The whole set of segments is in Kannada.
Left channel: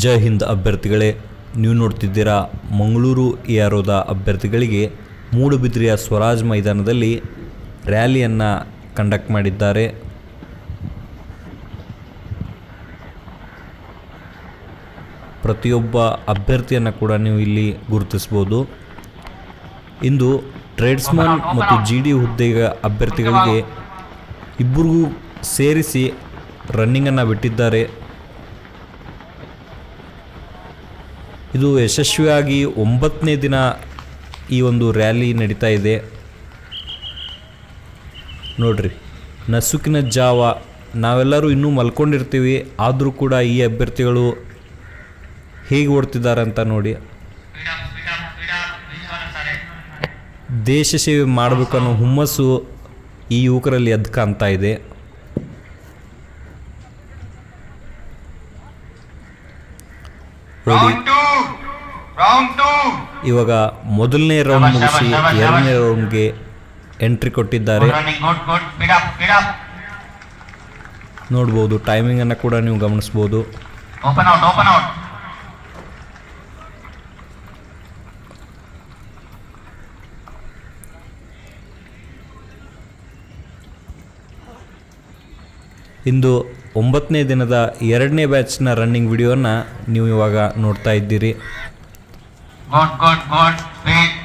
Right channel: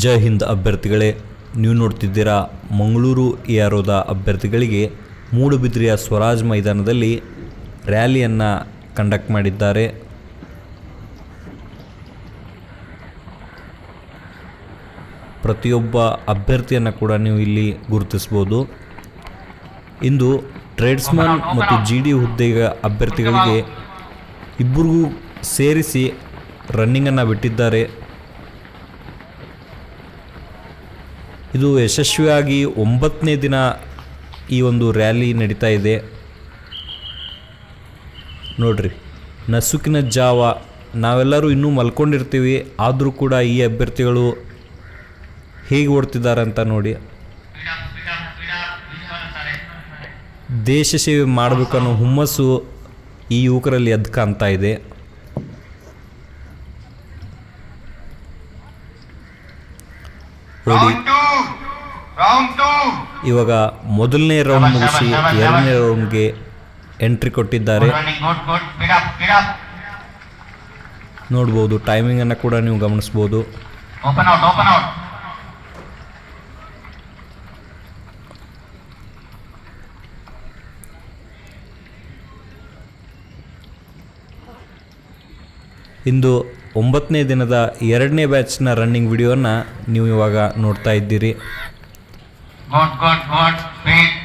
ಜೈ ಹಿಂದ್ ಅಭ್ಯರ್ಥಿಗಳೇ, ನೀವು ನೋಡ್ತಿದ್ದೀರಾ ಮಂಗಳೂರು ಎ ಆರೋದ ಅಭ್ಯರ್ಥಿಗಳಿಗೆ ಮೂಡುಬಿದ್ರಿಯ ಸ್ವರಾಜ್ ಮೈದಾನದಲ್ಲಿ ರ್ಯಾಲಿಯನ್ನು ಕಂಡಕ್ಟ್ ಮಾಡಿದ್ದಾರೆ. ಪ್ರತಿಯೊಬ್ಬ ಅಭ್ಯರ್ಥಿಯನ್ನು ಕೂಡ ನೀವು ಇಲ್ಲಿ ಗುರುತಿಸ್ಬೋದು. ಇಂದು ಟ್ರೇಡ್ಸ್ಮನ್ ಮತ್ತು ಜಿ ಡಿ ಹುದ್ದೆಯ ಅಭ್ಯರ್ಥಿಗಳಿಗೆ ಇಬ್ಬರಿಗೂ ಸೇರಿಸಿ ರನ್ನಿಂಗನ್ನು ಬಿಟ್ಟಿದ್ದಾರೆ. ಇದು ಯಶಸ್ವಿಯಾಗಿ ಒಂಬತ್ತನೇ ದಿನ ಈ ಒಂದು ರ್ಯಾಲಿ ನಡೀತಾ ಇದೆ. ನೋಡ್ರಿ, ನಸುಕಿನ ಜಾವ, ನಾವೆಲ್ಲರೂ ಇನ್ನೂ ಮಲ್ಕೊಂಡಿರ್ತೀವಿ, ಆದರೂ ಕೂಡ ಈ ಅಭ್ಯರ್ಥಿಗಳು ಹೇಗೆ ಓಡ್ತಿದ್ದಾರೆ ಅಂತ ನೋಡಿ. ದೇಶ ಸೇವೆ ಮಾಡಬೇಕನ್ನೋ ಹುಮ್ಮಸ್ಸು ಈ ಯುವಕರಲ್ಲಿ ಎದ್ದು ಕಾಣ್ತಾ ಇದೆ. ನೋಡಿ. ಇವಾಗ ಮೊದಲನೇ ರೌಂಡ್ ಮುಗಿಸಿ ಎರಡನೇ ರೌಂಡ್ಗೆ ಎಂಟ್ರಿ ಕೊಟ್ಟಿದ್ದಾರೆ. ನೋಡ್ಬೋದು ಟೈಮಿಂಗನ್ನು ಕೂಡ ನೀವು ಗಮನಿಸ್ಬೋದು. ಇಂದು ಒಂಬತ್ತನೇ ದಿನದ ಎರಡನೇ ಬ್ಯಾಚ್ನ ರನ್ನಿಂಗ್ ವಿಡಿಯೋನ ನೀವು ಇವಾಗ ನೋಡ್ತಾ ಇದ್ದೀರಿ. Good, God, God, faith.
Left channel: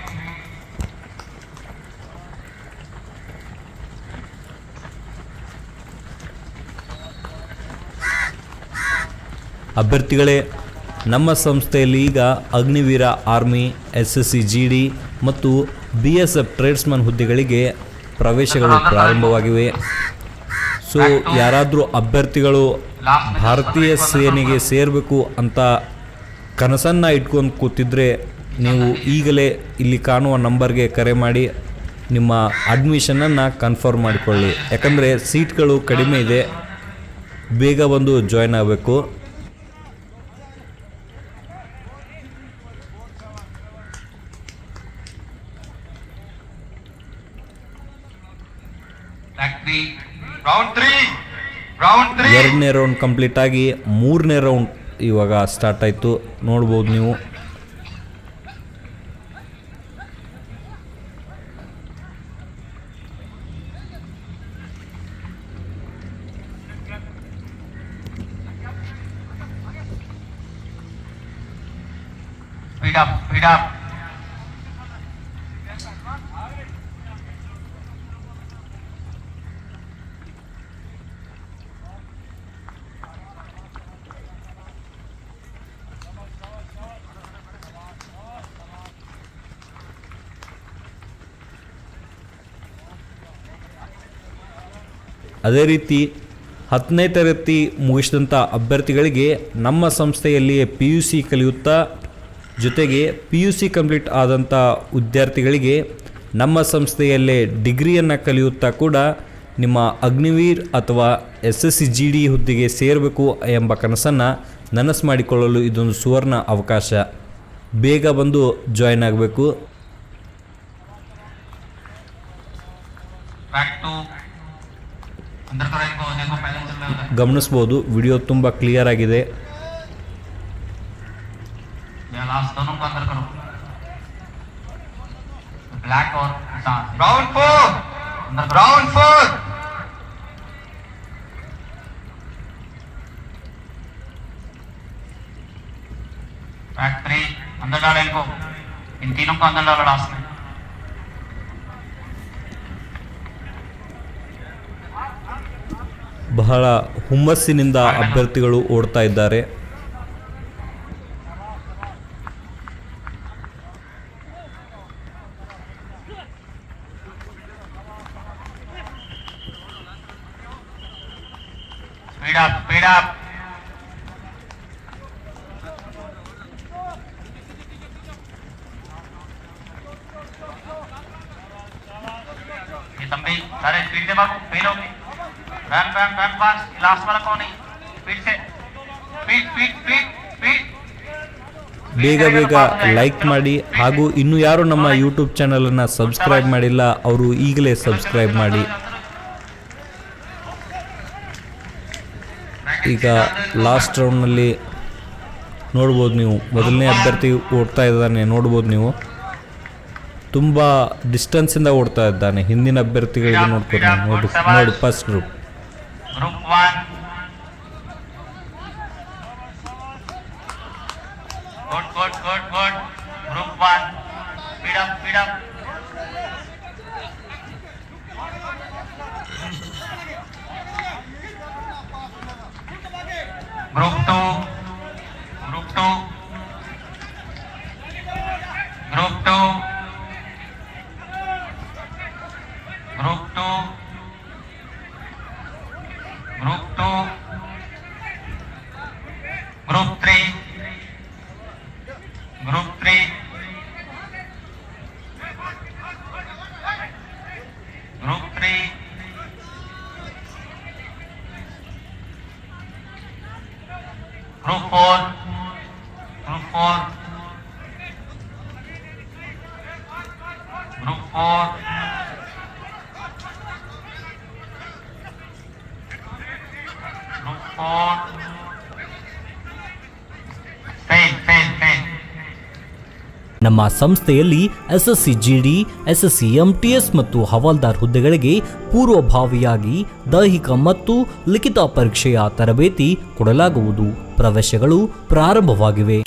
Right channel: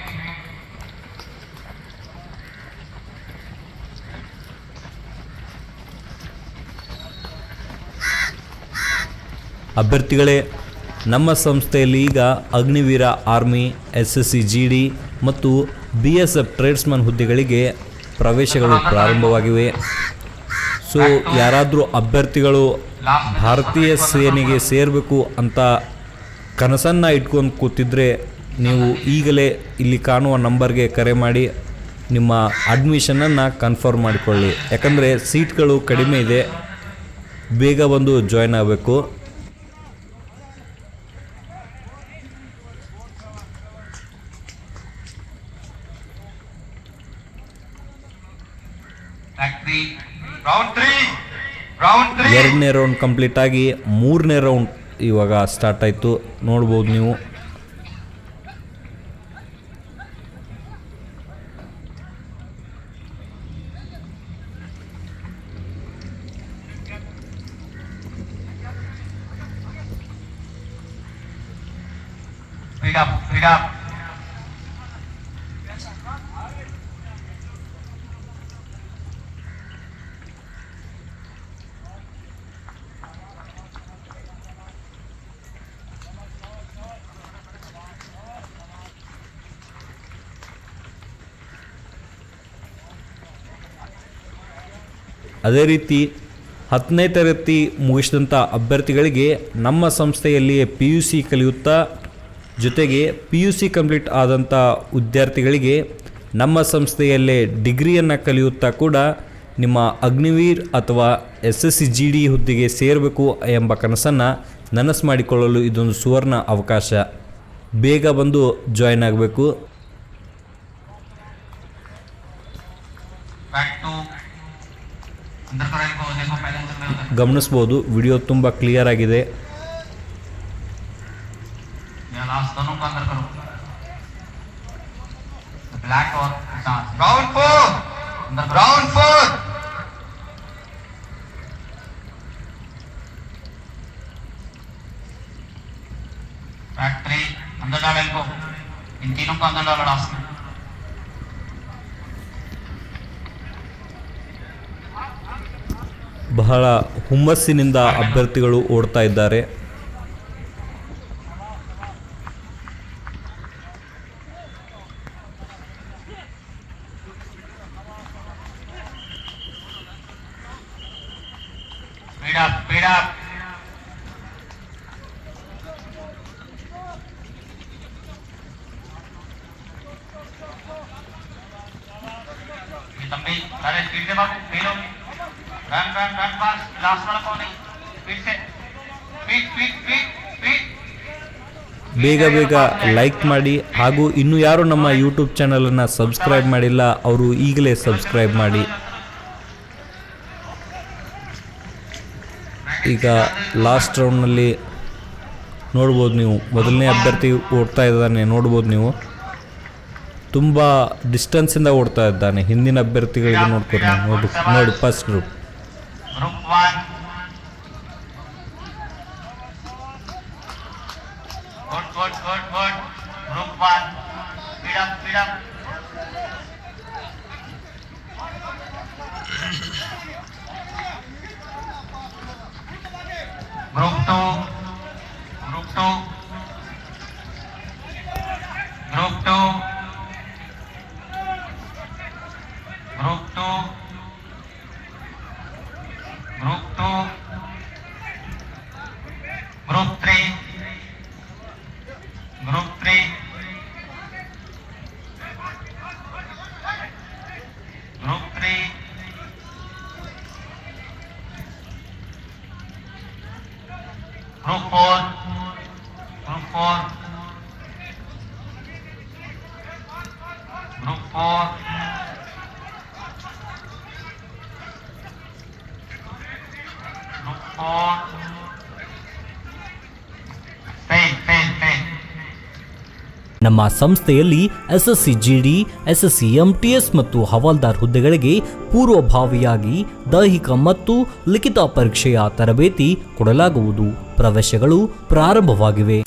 ಅಭ್ಯರ್ಥಿಗಳೇ ನಮ್ಮ ಸಂಸ್ಥೆಯಲ್ಲಿ ಈಗ Agniveer army S S C G D ಮತ್ತು ಬಿ ಎಸ್ ಎಫ್ ಟ್ರೇಡ್ಸ್ಮನ್ ಹುದ್ದೆಗಳಿಗೆ ಪ್ರವೇಶಗಳು ಪ್ರಾರಂಭವಾಗಿವೆ ಸೊ ಯಾರಾದರೂ ಅಭ್ಯರ್ಥಿಗಳು ಭಾರತೀಯ ಸೇನೆಗೆ ಸೇರಬೇಕು ಅಂತ ಕನಸನ್ನು ಇಟ್ಕೊಂಡು ಕೂತಿದ್ರೆ ನೀವು ಈಗಲೇ ಇಲ್ಲಿ ಕಾಣುವ ನಂಬರ್ಗೆ ಕರೆ ಮಾಡಿ ನಿಮ್ಮ ಅಡ್ಮಿಷನನ್ನು ಕನ್ಫರ್ಮ್ ಮಾಡಿಕೊಳ್ಳಿ. ಯಾಕಂದರೆ ಸೀಟ್ಗಳು ಕಡಿಮೆ ಇದೆ. ಬೇಗ ಬಂದು ಜಾಯ್ನ್ ಆಗಬೇಕು. ಎರಡನೇ ರೌಂಡ್ ಕಂಪ್ಲೀಟ್ ಆಗಿ ಮೂರನೇ ರೌಂಡ್ ಇವಾಗ ಸ್ಟಾರ್ಟ್ ಆಯಿತು. ನೋಡ್ಬೋದು ನೀವು. ಅದೇ ರೀತಿ ಹತ್ತನೇ ತರಗತಿ ಮುಗಿಸಿದಂಥ ಅಭ್ಯರ್ಥಿಗಳಿಗೆ ನಮ್ಮ ಸಂಸ್ಥೆಯಲ್ಲಿ ಪಿ ಯು ಸಿ ಕಲಿಯುತ್ತಾ ಜೊತೆಗೆ ಪಿ ಯು ಸಿ ಕಂಪ್ಲೀಟ್ ಆದಂಥ ವಿದ್ಯಾರ್ಥಿಗಳಿಗೆ ನಮ್ಮ ಸಂಸ್ಥೆಯಲ್ಲೇ ಡಿಗ್ರಿಯನ್ನು ಕಲಿಯುತ್ತಾ ಕೂಡ ನಿಮ್ಮ ಅಗ್ನಿವೀರ್ ಅಥವಾ S S C G D ಹುದ್ದೆಗೆ ಸೇರಬೇಕು ಎಂಬ ಕನಸನ್ನು ನನಸು ಮಾಡಿಕೊಳ್ಳಲು ಇದೊಂದು ಸುವರ್ಣ ಅವಕಾಶ. ಬೇಗ ಬಂದು ಜಾಯಿನ್ ಆಗಬೇಕು. ಗಮನಿಸ್ಬೋದು ವಿಡಿಯೋ ತುಂಬ ಕ್ಲಿಯರ್ ಆಗಿದೆ. राउंड फोर अंदर राउंड फोर बैक थ्री अंदर डालो इनको इन तीनों को अंदर डालो लास्ट में ಬಹಳ ಹುಮ್ಮಸ್ಸಿನಿಂದ ಅಭ್ಯರ್ಥಿಗಳು ಓಡ್ತಾ ಇದ್ದಾರೆ स्पीड अप स्पीड अप ये तंबी सारे स्पीड से भागो फेल होंगे run run run fast last वाला कौन है स्पीड से स्पीड स्पीड स्पीड स्पीड ಬೇಗ ಬೇಗ ಲೈಕ್ ಮಾಡಿ ಹಾಗೂ ಇನ್ನು ಯಾರು ನಮ್ಮ ಯೂಟ್ಯೂಬ್ ಚಾನಲನ್ನು ಸಬ್ಸ್ಕ್ರೈಬ್ ಮಾಡಿಲ್ಲ ಅವರು ಈಗಲೇ ಸಬ್ಸ್ಕ್ರೈಬ್ ಮಾಡಿ ಈಗ ಲಾಸ್ಟ್ ರೌಂಡ್ನಲ್ಲಿ ನೋಡ್ಬೋದು ನೀವು. ಮೊದಲನೇ ಅಭ್ಯರ್ಥಿ ಓಡ್ತಾ ಇದ್ದಾನೆ, ನೋಡ್ಬೋದು ನೀವು. ತುಂಬ ಡಿಸ್ಟೆನ್ಸಿಂದ ಓಡ್ತಾ ಇದ್ದಾನೆ. ಹಿಂದಿನ ಅಭ್ಯರ್ಥಿಗಳಿಗೆ ನೋಡ್ಕೊಂಡು ನೋಡಿ ನೋಡಿ ಫಸ್ಟ್ ಗ್ರೂಪ್. don't. ನಮ್ಮ ಸಂಸ್ಥೆಯಲ್ಲಿ SSC GD C G D S S M T S ಮತ್ತು ಹವಾಲ್ದಾರ್ ಹುದ್ದೆಗಳಿಗೆ ಪೂರ್ವಭಾವಿಯಾಗಿ ದೈಹಿಕ ಮತ್ತು ಲಿಖಿತ ಪರೀಕ್ಷೆಯ ತರಬೇತಿ ಕೊಡಲಾಗುವುದು. ಪ್ರವೇಶಗಳು ಪ್ರಾರಂಭವಾಗಿವೆ.